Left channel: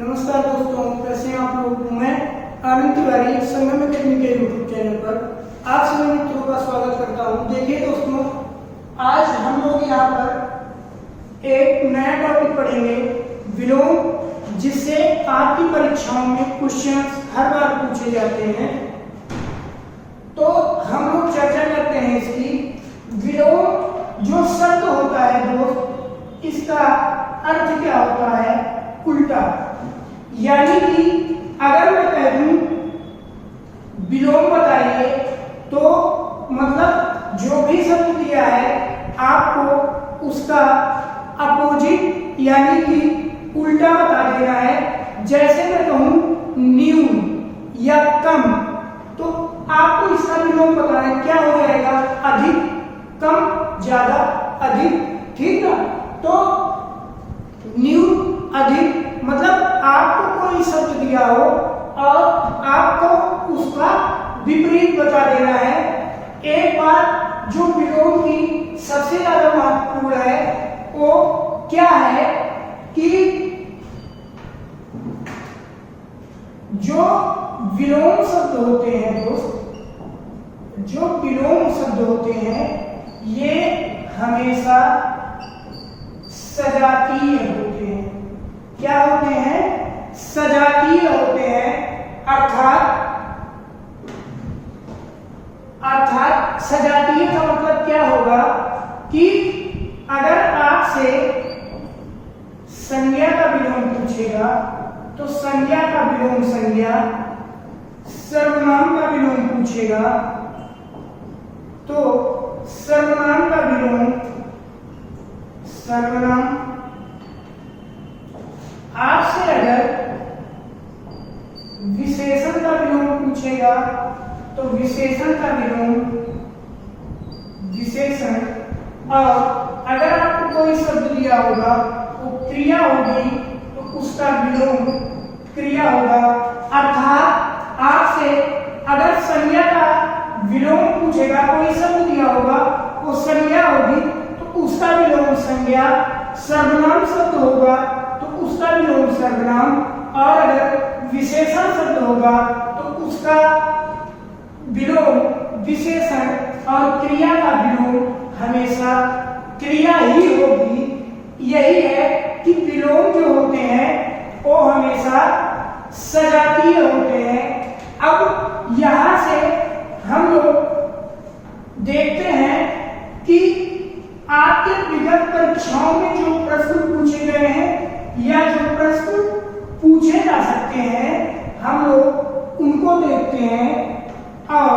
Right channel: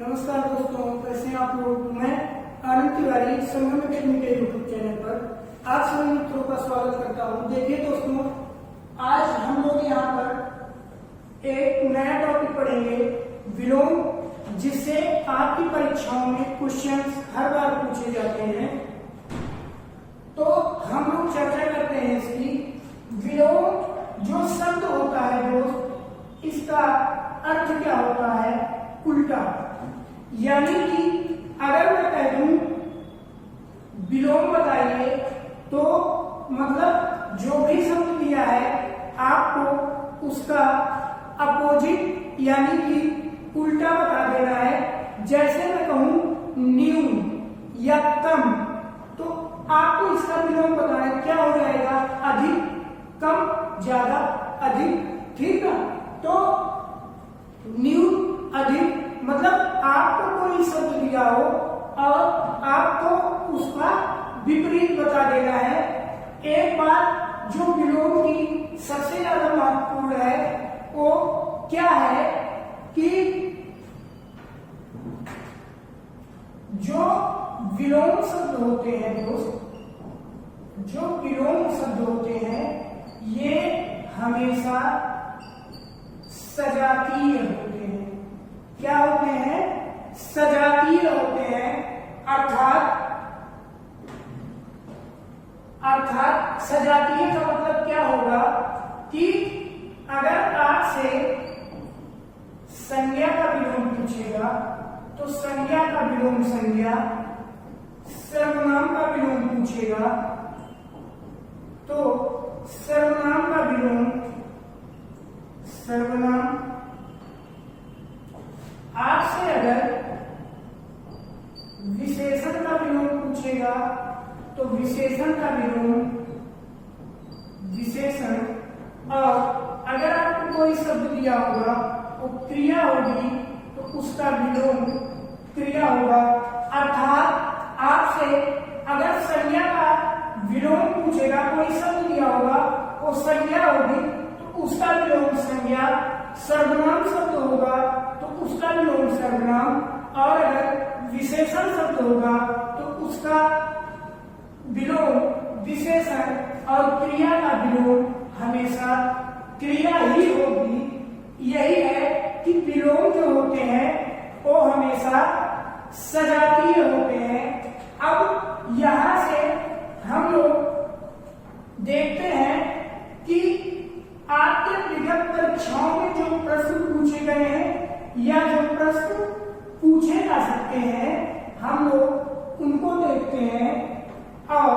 नमस्कार दोस्तों, कैसे हैं आप लोग। मैं आनंद तिवारी संगम अकेडमी के यूट्यूब चैनल पर आप सभी मित्रों का स्वागत करता हूं। देखिए दोस्तों, आज हम लोग यहाँ पर एक नया टॉपिक पढ़ेंगे, विलोम, जिससे आपकी परीक्षाओं में क्वेश्चंस हर बार पूछे जाते हैं। तो हम लोग चर्चा करते हैं इसकी। विलोम जो शब्द होता है दोस्त, इसका अर्थ क्या होता है? उल्टा। यानी कि अगर मैं कह दूं विलोम बताइए, तो मतलब जो भी शब्द दिया है आपको उसका अपोजिट यानी कि उल्टा बता देना है। जैसे मैं कहूं न्यून या कम, तो आपको इसका विलोम बताना है। क्या हो जाएगा? अधिक, कम, ज्यादा, अधिक। ठीक ना? तो न्यून, अधिक, मतलब आपको कोई शब्द दिया हो और आपको उसका विपरीत बता देना है। एक बार जो विलोम की सबसे ज्यादा महत्वपूर्ण है वो क्या है कि जो विलोम शब्द होते हैं दोस्त, जो विलोम शब्द होते हैं ये हमेशा सजातीय होते हैं। क्या होते हैं? सजातीय होते हैं। अर्थात सजातीय का मतलब क्या होगा कि अगर आपसे संज्ञा का विलोम पूछेगा तो संज्ञा का विलोम संज्ञा, सर्वनाम का विलोम पूछेगा तो सर्वनाम का विलोम सर्वनाम। आपसे अगर विशेषण का विलोम पूछेगा तो विशेषण का विलोम विशेषण। और अगर आपको कोई शब्द दिया होगा वो क्रिया होगी तो उसका विलोम क्रिया होगा। अर्थात आपसे अगर संज्ञा का विलोम पूछेगा, कोई शब्द दिया होगा वो संज्ञा होगी तो उसका विलोम संज्ञा। सर्वनाम शब्द होगा तो उसका विलोम सर्वनाम। और अगर विशेषण शब्द होगा तो उसका विलोम विशेषण। और क्रिया का विलोम हमेशा क्रिया ही होगी। यही है कि विलोम जो होते हैं वो हमेशा सजातीय होते हैं। अब यहां से हम लोग देखते हैं कि आपके विगत परीक्षाओं में जो प्रश्न पूछे गए हैं या जो प्रश्न पूछे जा सकते हैं, हम लोग उनको देखते हैं और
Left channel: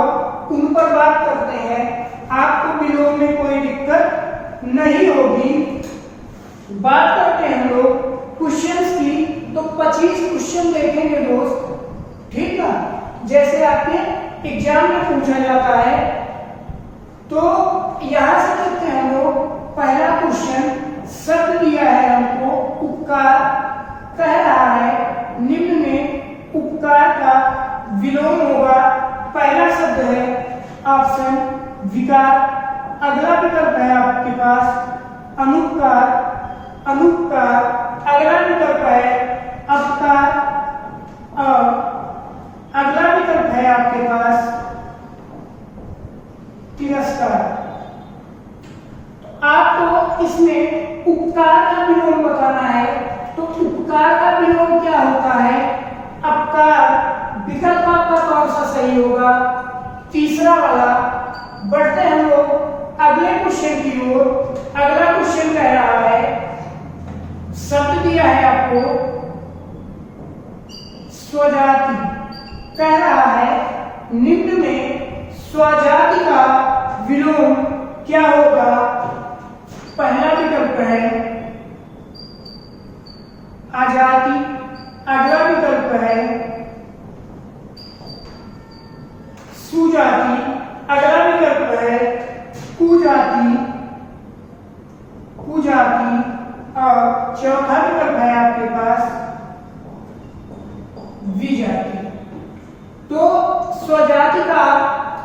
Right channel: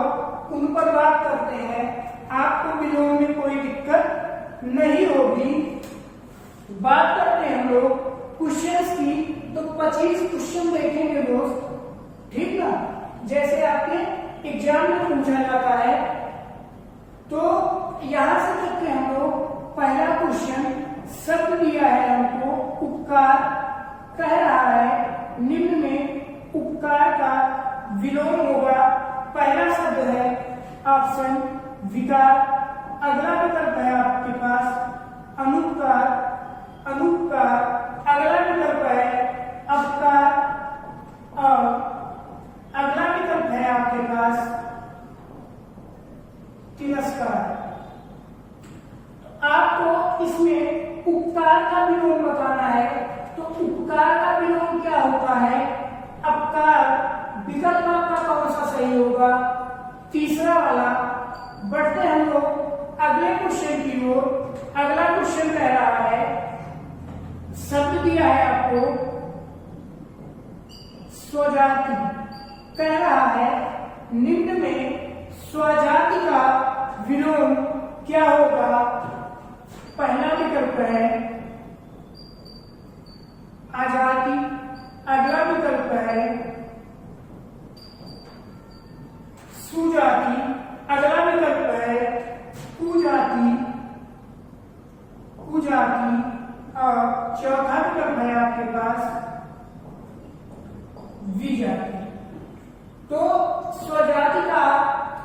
उन पर बात करते हैं। आपको विलोम में कोई दिक्कत नहीं होगी। बात करते हैं हम लोग क्वेश्चंस की, तो 25 क्वेश्चन देखेंगे दोस्त। ठीक ना? जैसे आपके एग्जाम में पूछा जाता है। तो यहां से देखते हैं हम लोग। पहला क्वेश्चन शब्द दिया है हमको उपकार, कह रहा है निम्न में उपकार का विलोम होगा। पहला शब्द है ऑप्शन विकार। अगला विकल्प है आपके पास अनुपकार, अनुपकार। अगला विकल्प है अपकार और अगला विकल्प है आपके पास तिरस्कार। आपको इसमें उपकार का विलोम बताना है। तो उपकार का विलोम क्या होता है? अपकार। विकल्प आपका कौन सा सही होगा? तीसरा वाला। बढ़ते हम लोग अगले क्वेश्चन की ओर। अगला क्वेश्चन कह रहा है, शब्द दिया है आपको स्वजाति। कह रहा है निम्न में स्वजाति का विलोम क्या होगा? पहला विकल्प है आजाति। अगला विकल्प है सुजाति। अगला विकल्प है कुजाति, कुजाति। और चौथा विकल्प है आपके पास विजाति। तो स्वजाति का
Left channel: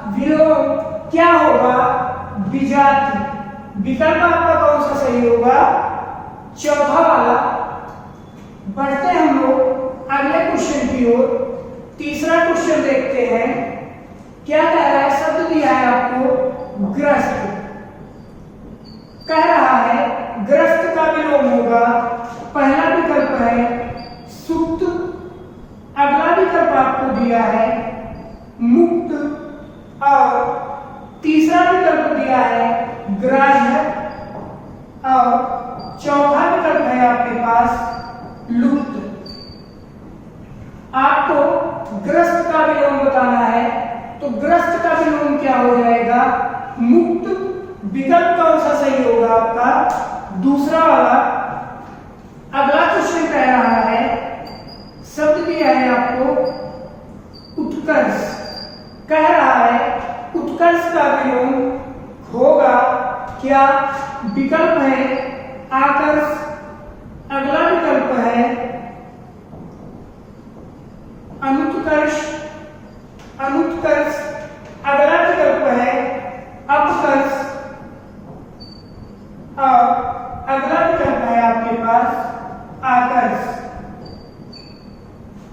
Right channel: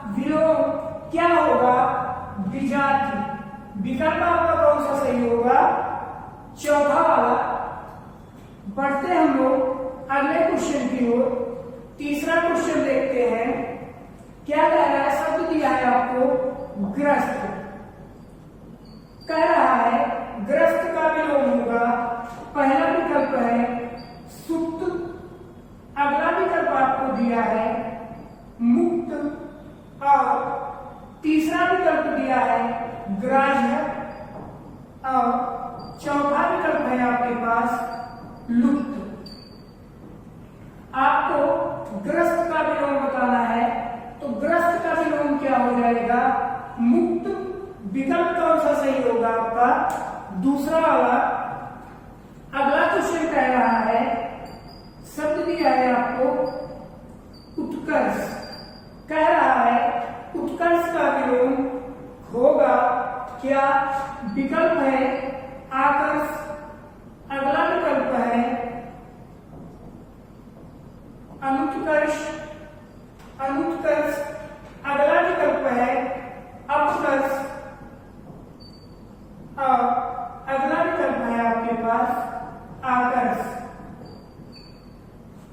विलोम क्या होगा? विजाति। विकल्प आपका कौन सा सही होगा? चौथा वाला। बढ़ते हम लोग क्वेश्चन की ओर। तीसरा क्वेश्चन देखते हैं, क्या कह रहा है? शब्द दिया है आपको ग्रस्त, कह रहा है ग्रस्त का विलोम होगा। पहला विकल्प है सुप्त, अगला विकल्प आपको दिया है मुक्त, और तीसरा विकल्प दिया है ग्राह्य, और चौथा विकल्प है आपके पास लुप्त। आपको ग्रस्त का विलोम बताना है, तो ग्रस्त का विलोम क्या हो जाएगा? मुक्त। विकल्प कौन सा सही होगा आपका? दूसरा वाला। अगला क्वेश्चन कह रहा है, शब्द दिया है आपको उत्कर्ष, कह रहा है उत्कर्ष का विलोम होगा क्या? विकल्प है आकर्ष, अगला विकल्प है अनुत्कर्ष, अगला विकल्प है अपकर्ष, और अगला विकल्प है आपके पास आकर्ष।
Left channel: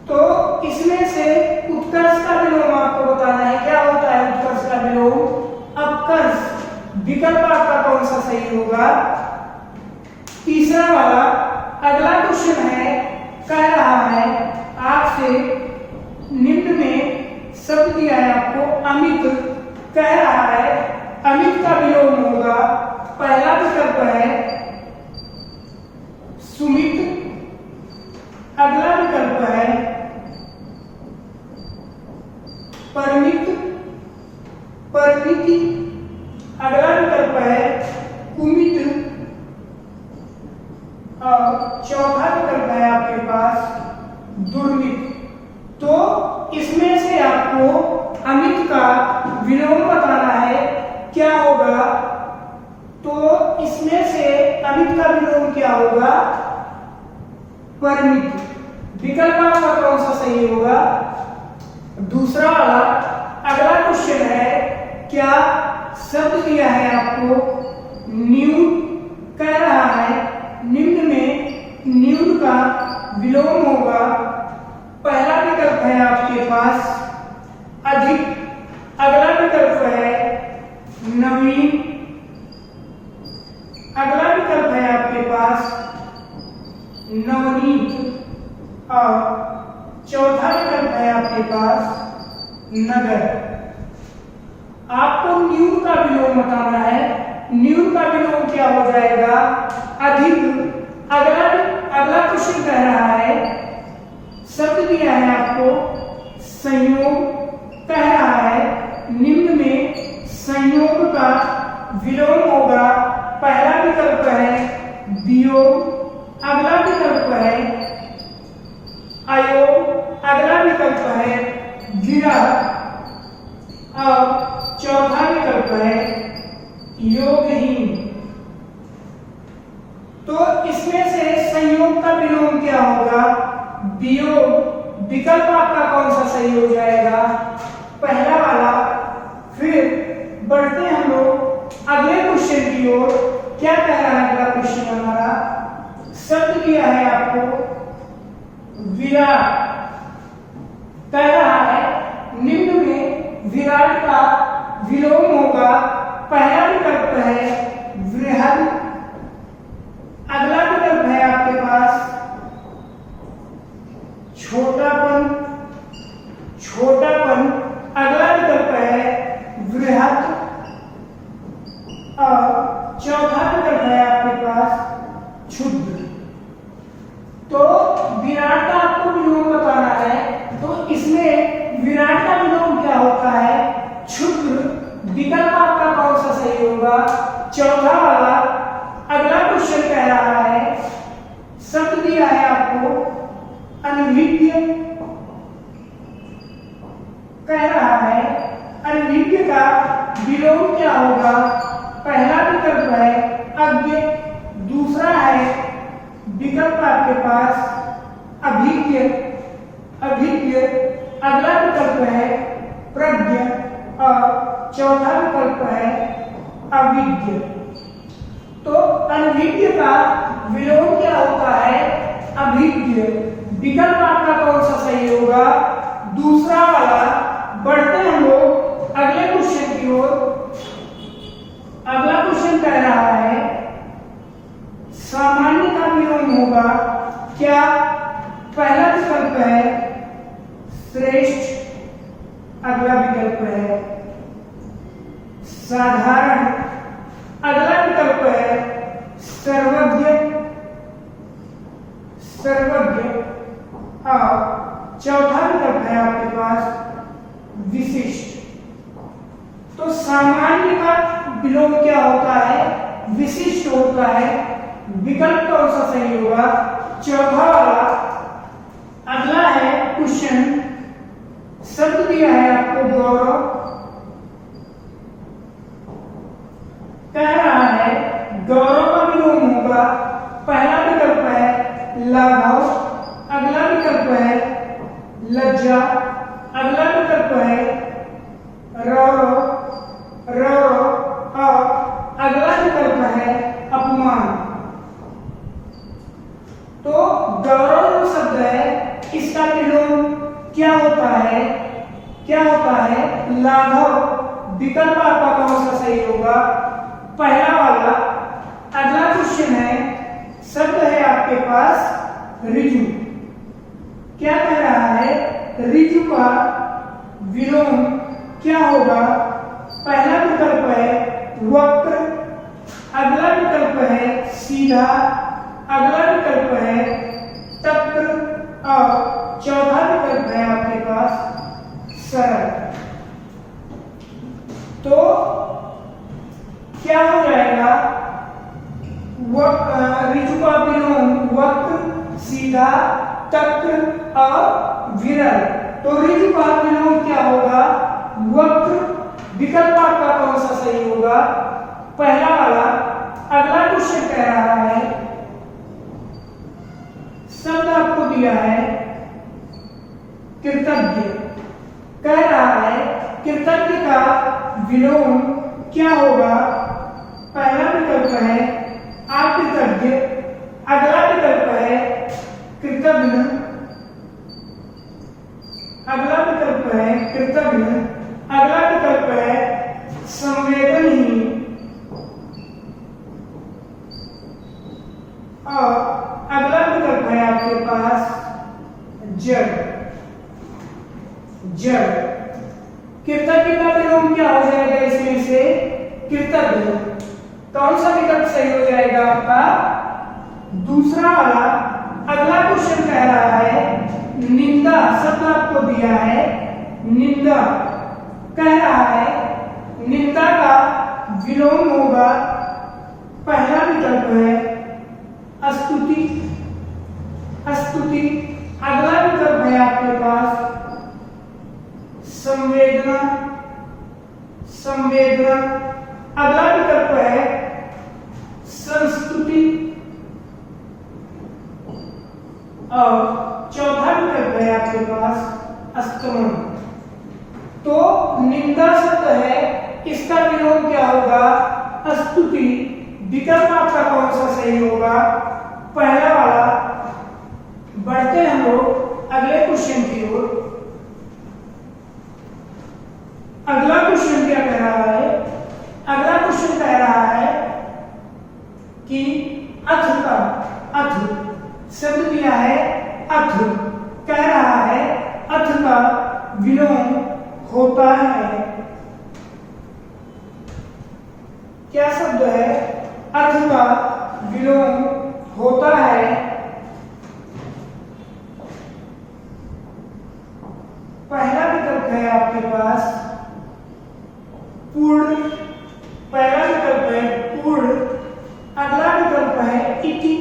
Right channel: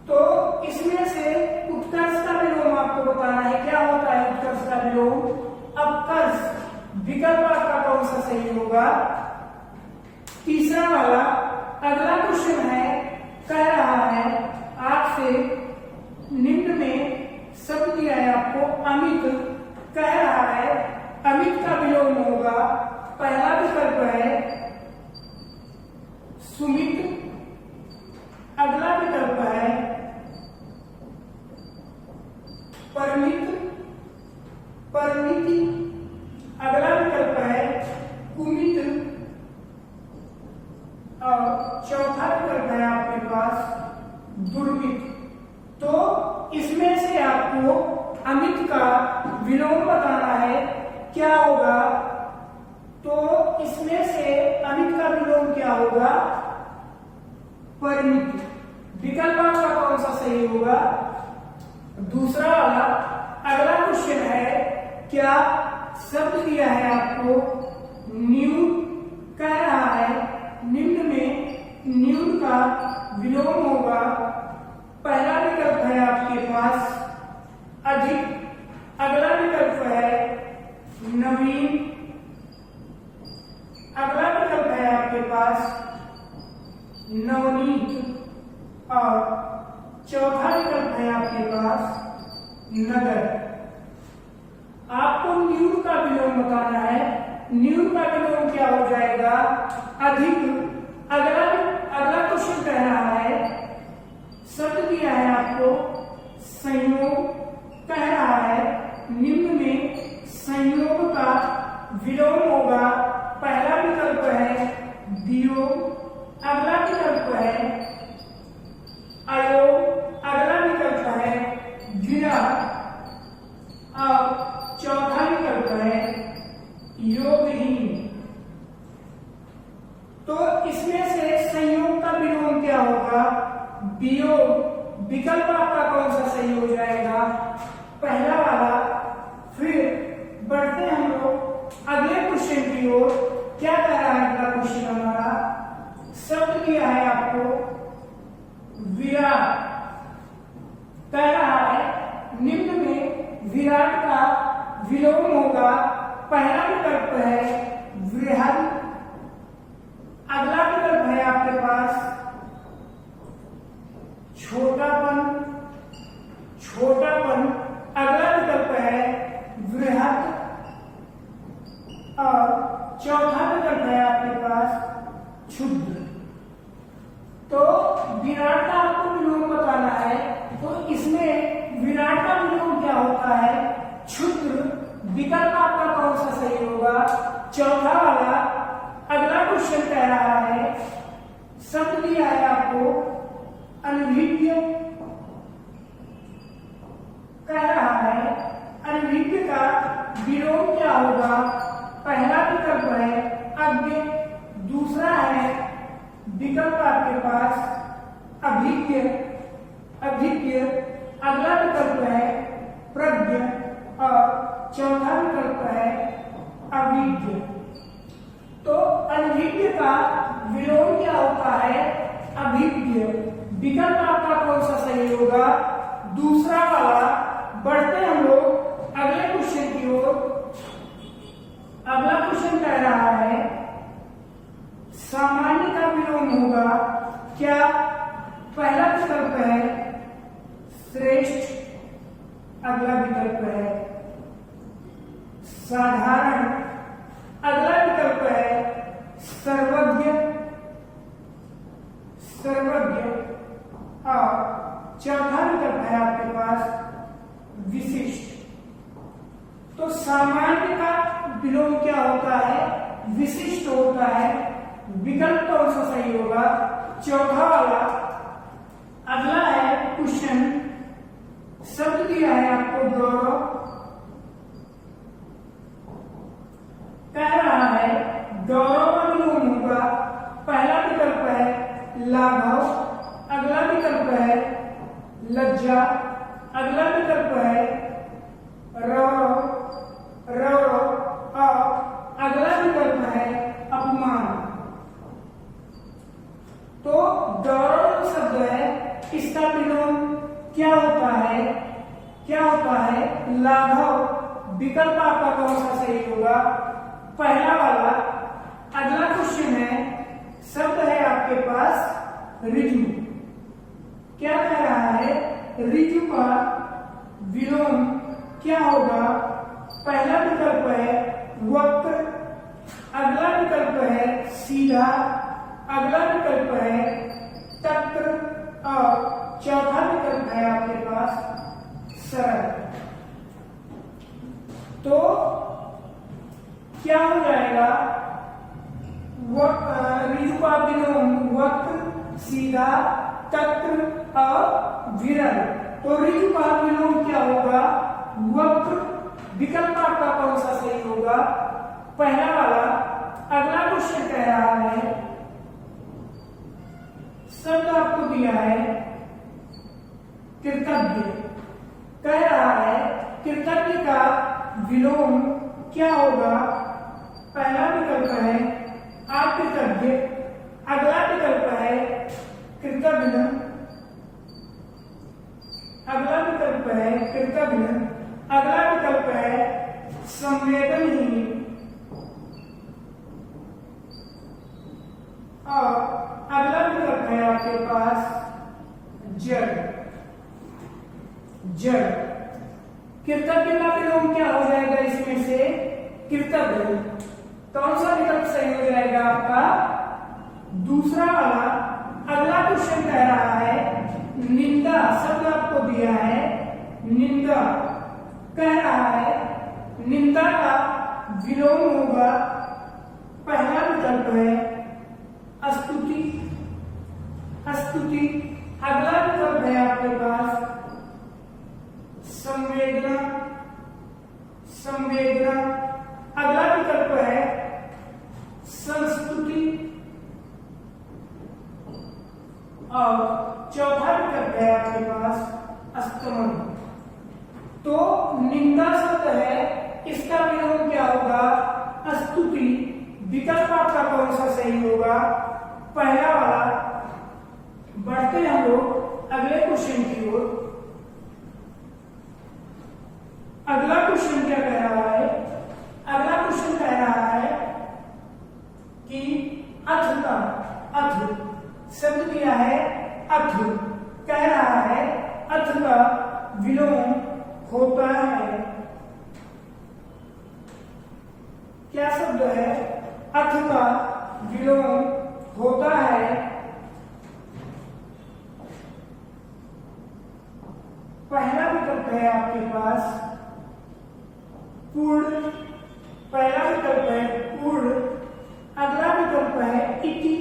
तो इसमें से उत्कर्ष का विलोम आपको बताना है, क्या होता है उत्कर्ष का विलोम? अपकर्ष। विकल्प आपका कौन सा सही होगा? तीसरा वाला। अगला क्वेश्चन है, कह रहा है आपसे निम्न में शब्द दिया है आपको अमित, कह रहा है अमित का विलोम होगा। पहला विकल्प है सुमित, अगला विकल्प है परिमित, परिमिति, अगला विकल्प है कुमित, और चौथा विकल्प है आपके पास दुर्मित। तो इसमें से आपको अमित का विलोम बताना है, क्या होगा? तो इसमें से अमित का विलोम क्या होगा? परिमित। विकल्प आपका कौन सा सही होगा? दूसरा वाला। अगला क्वेश्चन है, क्या शब्द दिया है आपको न्यून, कह रहा है निम्न में न्यून का विलोम होगा। पहला विकल्प है आपके पास अधिक, अगला विकल्प है नवीन, अगला विकल्प है आपके पास नवनीत, और चौथा विकल्प है आपके पास नगर। आपको न्यून का विलोम बताना है। न्यून का विलोम क्या हो जाएगा? अधिक। अगला क्वेश्चन कह रहा है, शब्द दिया है आपको संयोग, कह रहा है निम्न में संयोग का विलोम होगा। पहला विकल्प है वियोग, अगला विकल्प है अयोग, अगला विकल्प है विरह, और चौथा विकल्प है योगहीन। तो इसमें से संयोग का विलोम क्या होगा? वियोग। विकल्प आपका कौन सा सही हो जाएगा? पहला वाला। फिर बढ़ते हम लोग अगले क्वेश्चन की ओर। क्या कह रहा है अगला क्वेश्चन हमारा? शब्द दिया है आपको विराट, कह रहा है निम्न में विराट का विलोम होगा। पहला विकल्प है वृहद, अगला विकल्प है आपके पास छोटापन, अगला विकल्प है वृहद, और चौथा विकल्प है आपके पास क्षुद्र। तो विराट का आपको विलोम बताना है, तो इसमें विराट का विलोम क्या होता है? क्षुद्र। विकल्प आपका कौन सा सही होगा? चौथा वाला। अगला क्वेश्चन कह रहा है, शब्द दिया है आपको अनभिज्ञ, कह रहा है अनभिज्ञ का विलोम क्या होगा? पहला विकल्प है अज्ञ, दूसरा है विकल्प आपके पास अभिज्ञ, अगला विकल्प है प्रज्ञ, और चौथा विकल्प है अविज्ञ। तो अनभिज्ञ का विलोम क्या होता है? अभिज्ञ। विकल्प आपका कौन सा सही होगा? दूसरा वाला। बढ़ते हैं हम लोग अगले क्वेश्चन की ओर। अगला क्वेश्चन कह रहा है सामान्य का विलोम होगा क्या? पहला विकल्प है श्रेष्ठ, अगला विकल्प है साधारण, अगला विकल्प है सर्वज्ञ, और चौथा विकल्प है आपके पास विशिष्ट। तो सामान्य का विलोम क्या होता है? विशिष्ट होता है। विकल्प कौन सा सही होगा? चौथा वाला। अगला है क्वेश्चन, शब्द दिया है आपको गौरव, कह रहा है गौरव का विलोम होगा। पहला विकल्प है लाघव, अगला विकल्प है लज्जा, अगला विकल्प है रौरव, और अगला विकल्प है अपमान। तो गौरव जो शब्द है इसका विलोम क्या होता है? क्या होता है? लाघव। विकल्प आपका कौन सा सही होगा? पहला वाला। अगला क्वेश्चन है, शब्द है आपके पास ऋजु। क्या कह रहा है? ऋजु का विलोम क्या होगा? पहला विकल्प है वक्र, अगला विकल्प है सीधा, अगला विकल्प है तक्र, और चौथा विकल्प है आपके पास सरल। तो क्या हो जाएगा? ऋजु का विलोम वक्र, सीधा, तक्र और विरल। तो ऋजु का विलोम क्या होगा? वक्र। विकल्प आपका कौन सा सही होगा? पहला वाला। अगला क्वेश्चन कह रहा है, शब्द आपको दिया है कृतज्ञ। कह रहा है कृतज्ञ का विलोम क्या होगा? पहला विकल्प है अकृतज्ञ, अगला विकल्प है कृतज्ञ, अगला विकल्प है कृतज्ञ, अगला विकल्प है संवेदनहीन, और अगला विकल्प है आपके पास जड़। कृतज्ञ का विलोम क्या हो जाएगा इसमें से? कृतज्ञ। कौन सा विकल्प सही हो जाएगा आपका? दूसरा वाला। अगला क्वेश्चन कह रहा है निंदा। शब्द आपको दिया है निंदा। कह रहा है निंदा का विलोम होगा। पहला विकल्प है स्तुति, अगला विकल्प है आपके पास संवेदना, अगला विकल्प है संस्तुति, और चौथा विकल्प है आपके पास स्तमन। तो निंदा शब्द है, इसका विलोम क्या होगा? स्तुति। विकल्प आपका कौन सा सही होगा? पहला वाला। बढ़ते हैं हम लोग अगले क्वेश्चन की ओर। अगला क्वेश्चन क्या कह रहा है? अगला क्वेश्चन कह रहा है कि अथ शब्द दिया है अथ। कह रहा है अथ का विलोम होता है। क्या शब्द है? अथ का विलोम होता है। पहला विकल्प है आपके पास पूर्ण, पहला विकल्प है पूर्ण, अगला विकल्प है इति,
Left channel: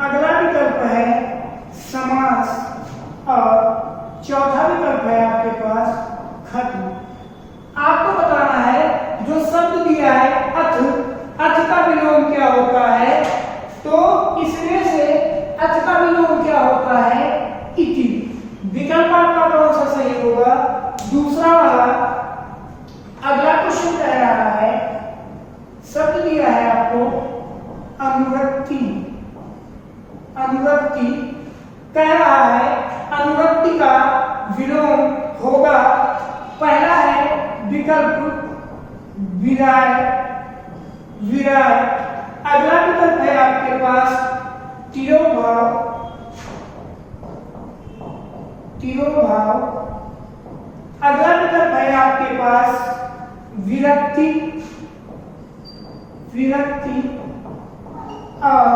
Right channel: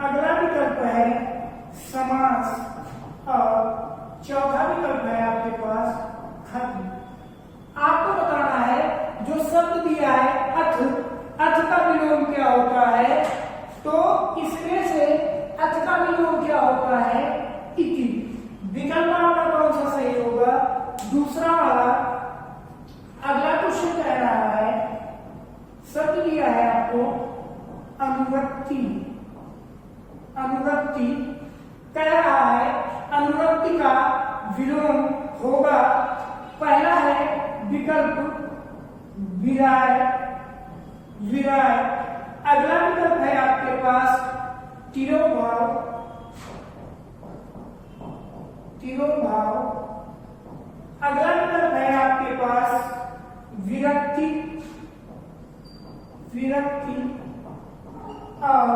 अगला विकल्प है समास, और चौथा विकल्प है आपके पास खत्म। आपको बताना है जो शब्द दिया है अथ का विलोम क्या होता है? तो इसमें से अथ का विलोम क्या होता है? इति। विकल्प आपका कौन सा सही होगा? दूसरा वाला। अगला क्वेश्चन है अनुरक्ति का विलोम होगा। पहला है विकल्प विराय, विराय। अगला विकल्प है आपके पास तिरोभाव, तिरोभाव। अगला विकल्प है आपके पास विरक्ति, विरक्ति। और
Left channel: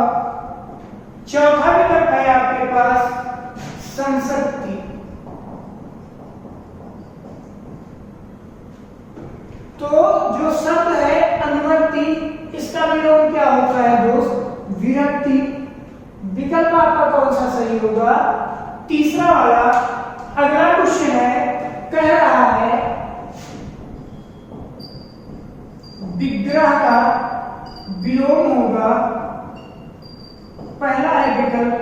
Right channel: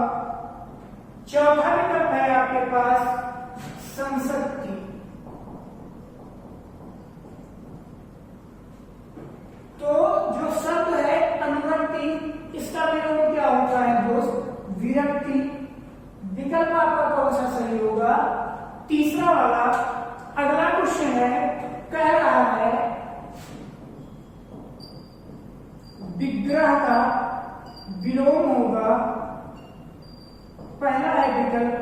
चौथा विकल्प है आपके पास संसक्ति। तो जो शब्द है अनुरक्ति, इसका विलोम क्या होता है दोस्त? विरक्ति। विकल्प आपका कौन सा सही होगा? तीसरा वाला। अगला क्वेश्चन है, कह रहा है विग्रह का विलोम होगा। पहला है विकल्प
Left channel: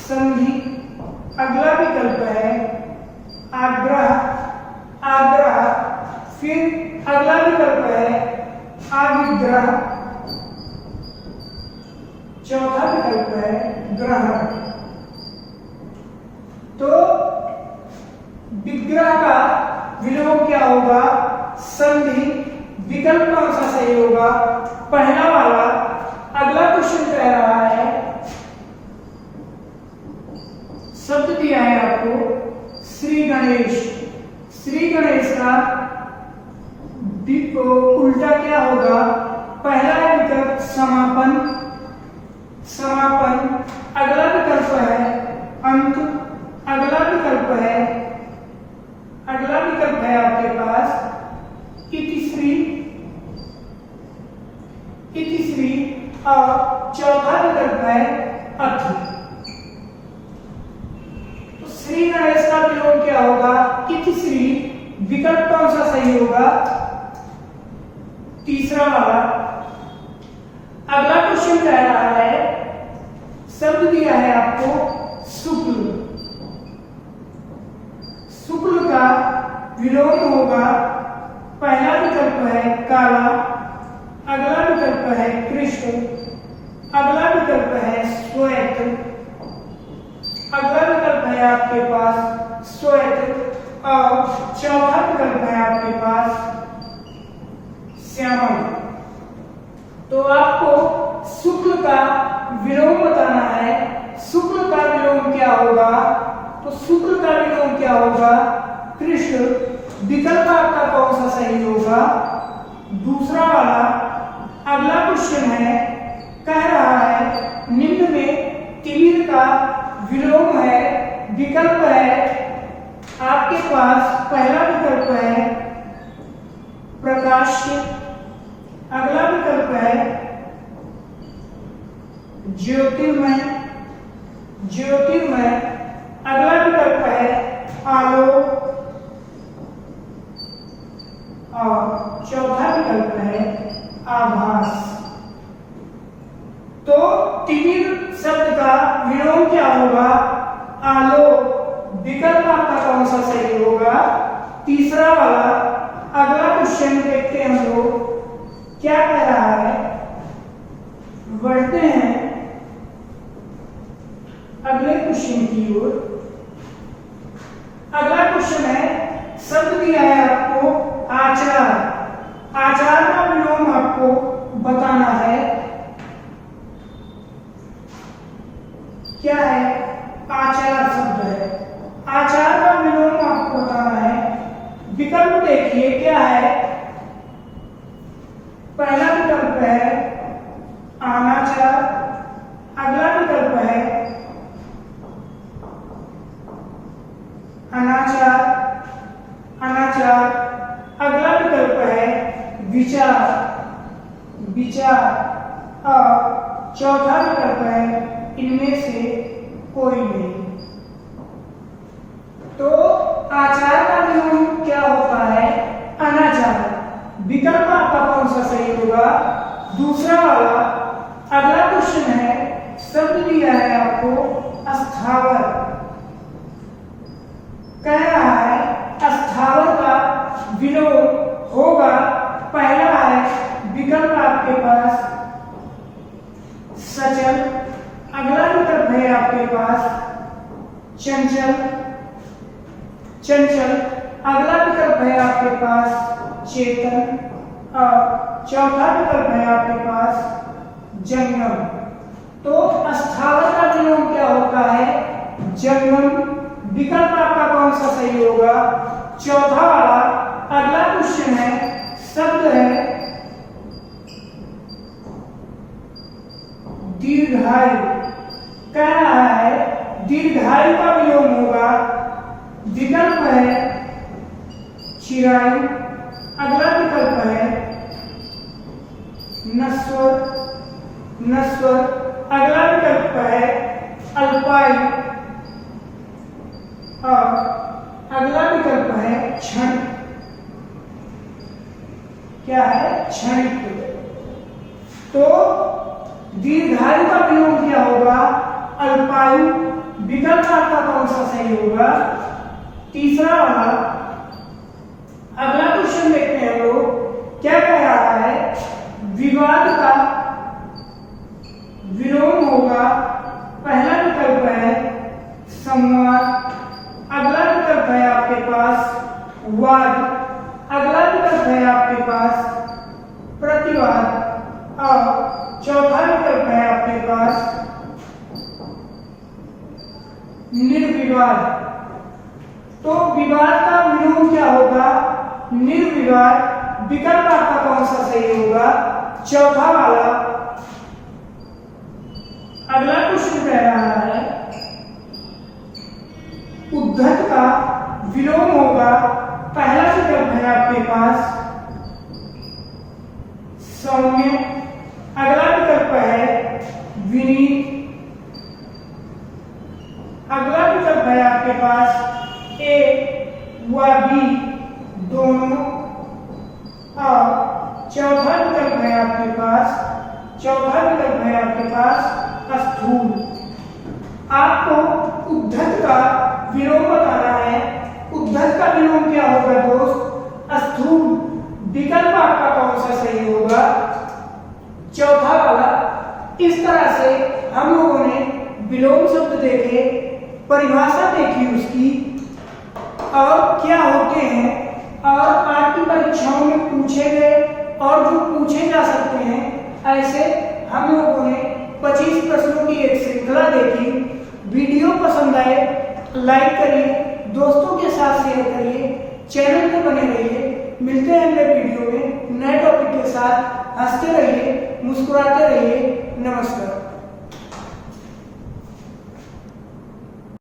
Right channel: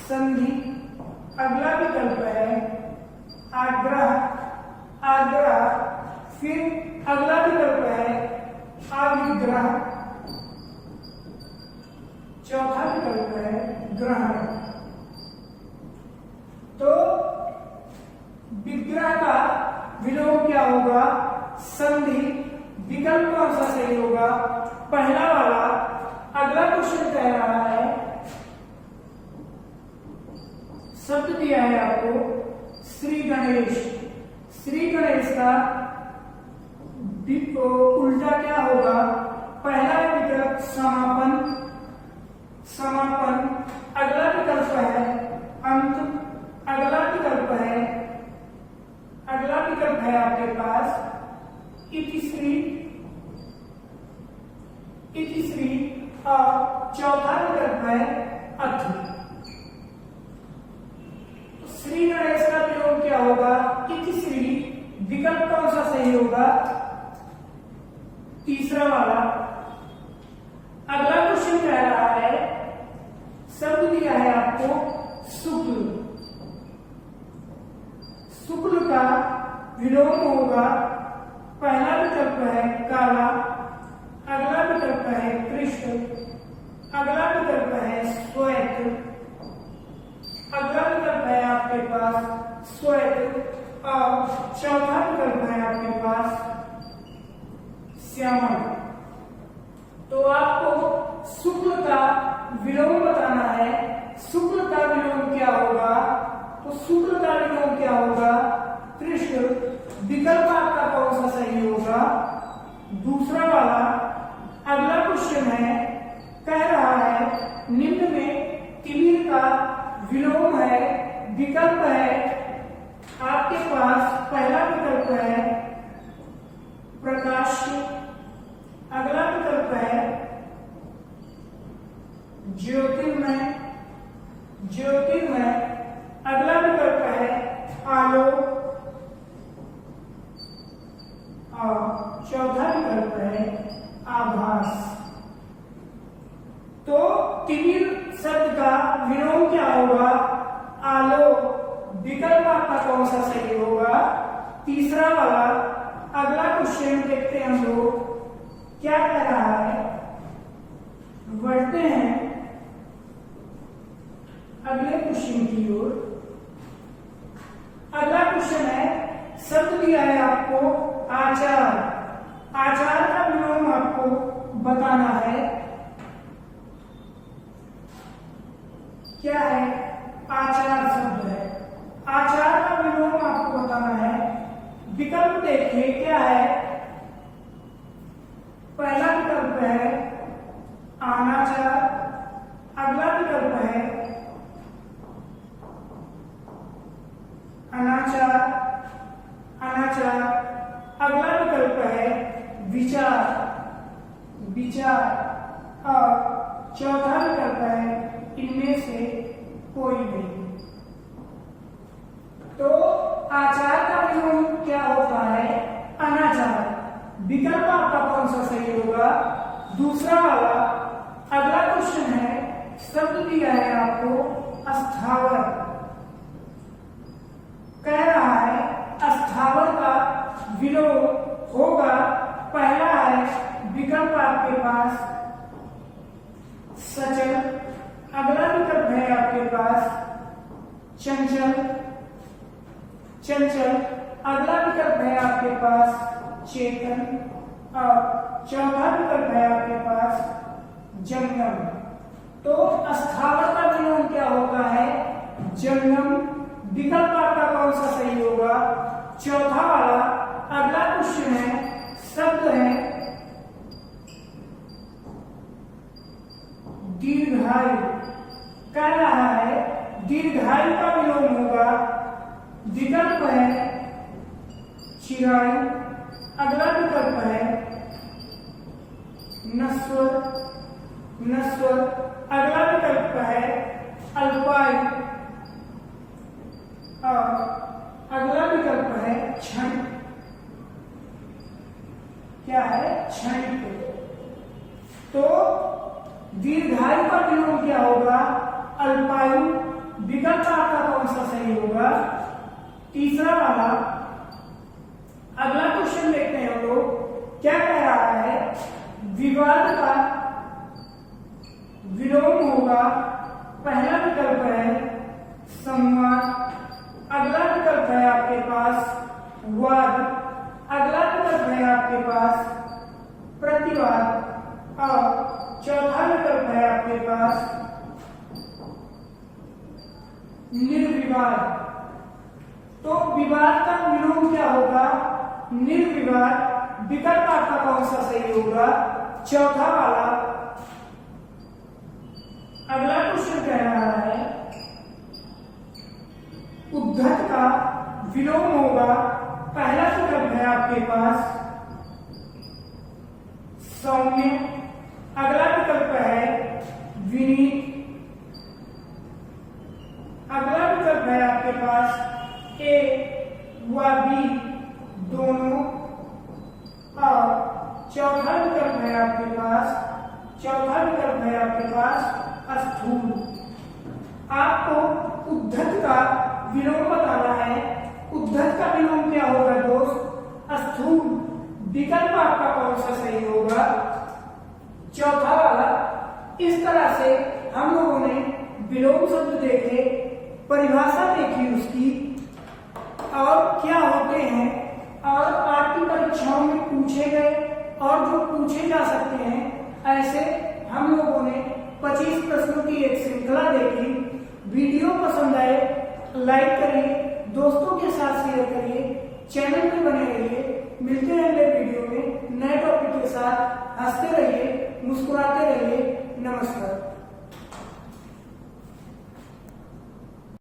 संधि, अगला विकल्प है आग्रह, आग्रह। फिर अगला विकल्प है आविग्रह, चौथा विकल्प है ग्रहण। तो विग्रह का विलोम क्या होगा? संधि। विकल्प कौन सा सही होगा? पहला वाला। अगला क्वेश्चन कह रहा है, शब्द दिया है आपको श्री गणेश। श्री गणेश का उल्टा क्या होगा? पहला है विकल्प समापन, समापन। अगला विकल्प है अंत, अगला विकल्प है, अगला विकल्प है आपके पास इतिश्री, इतिश्री। और चौथा विकल्प है अथ। तो श्री गणेश का विलोम क्या होगा? इतिश्री। विकल्प कौन सा सही होगा? तीसरा वाला। अगला क्वेश्चन कह रहा है, शब्द दिया है आपको शुक्ल। शुक्ल का विलोम होगा। पहला विकल्प है काला, अगला विकल्प है कृष्ण, अगला विकल्प है श्वेत, अगला विकल्प है आपके पास श्वेत। और चौथा विकल्प है आपके पास श्यामल। तो आपको शुक्ल का विलोम बताना है। शुक्ल का विलोम क्या होगा? तो शुक्ल का विलोम क्या होगा? कृष्ण। विकल्प आपका कौन सा सही होगा? दूसरा वाला। अगला क्वेश्चन है, कह रहा है निम्न में तिमिर का विलोम है। विकल्प है आपके पास, पहला विकल्प है प्रकाश्य, अगला विकल्प है ज्योतिर्मय, ज्योतिर्मय। अगला विकल्प है आलोक और चौथा विकल्प है आभास। तो तिमिर शब्द का विलोम क्या होगा? आलोक। विकल्प आपका कौन सा सही होगा? तीसरा वाला। अगला क्वेश्चन देखते हैं हम लोग क्या कह रहा है। बढ़ते हैं अगले क्वेश्चन की ओर। अगला क्वेश्चन है, शब्द दिया है आपको आचार। आचार का विलोम आपको बताना है। क्या है? आचार शब्द है। आचार का विलोम आपको बताना है। विकल्प देखिए क्या है? पहला विकल्प है अनाचार, अगला विकल्प है अनाचार, अनाचार। अगला विकल्प है विचार, विचार। और चौथा विकल्प है इनमें से कोई नहीं। तो आचार का विलोम क्या होता है? अनाचार। विकल्प आपका कौन सा सही होगा? दूसरा वाला। अगला क्वेश्चन है, शब्द दिया है आपको अस्थावर। कह रहा है अस्थावर का विलोम होगा। पहला है विकल्प आपके पास सचल, अगला विकल्प है आपके पास चंचल, चंचल। अगला विकल्प है आपके पास चेतन और चौथा विकल्प है आपके पास जंगम। तो स्थावर का विलोम क्या होता है? जंगम। विकल्प आपका कौन सा सही होगा? चौथा वाला। अगला क्वेश्चन है, शब्द है दीर्घायु। कह रहा है दीर्घायु का विलोम होगा। विकल्प है चिरायु। अगला विकल्प है नश्वर, नश्वर। अगला विकल्प है अल्पायु और अगला विकल्प है क्षण। क्या है? क्षणिक। तो दीर्घायु का विलोम क्या होगा? अल्पायु। विकल्प आपका कौन सा सही होगा? तीसरा वाला। अगला क्वेश्चन देखते हैं हम लोग, क्या कह रहा है? विवाद का विलोम होगा। पहला विकल्प है संवाद। अगला विकल्प है आपके पास वाद। अगला विकल्प है आपके पास प्रतिवाद और चौथा विकल्प है आपके पास निर्विवाद। तो विवाद का विलोम क्या होगा? निर्विवाद। विकल्प आपका कौन सा सही होगा? चौथा वाला। अगला क्वेश्चन कह रहा है उद्धत का विलोम होगा। पहला विकल्प है आपके पास सौम्य। अगला विकल्प है विनीत। अगला विकल्प है आपके पास ए व बी दोनों और चौथा विकल्प है आपके पास स्थूल। आपको उद्धत का विलोम बताना है। उद्धत का विलोम क्या होगा दोस्त? स्थूल। विकल्प आपका कौन सा सही होगा? चौथा वाला। इस तरह से हम लोगों ने विलोम शब्द देखे, परिभाषा देखी उसकी और क्या होते हैं, और आपकी परीक्षाओं में पूछे गए और जो पूछे जा सकते हैं, ऐसे हम लोगों ने 25 प्रश्नों की एक श्रृंखला देखी। वीडियो पसंद आए लाइक करिए, दोस्तों के साथ शेयर करिए, चैनल पे बने रहिए। मिलते हैं अगले वीडियो में नए टॉपिक के साथ। हंसते रहिए, मुस्कुराते रहिए। नमस्कार।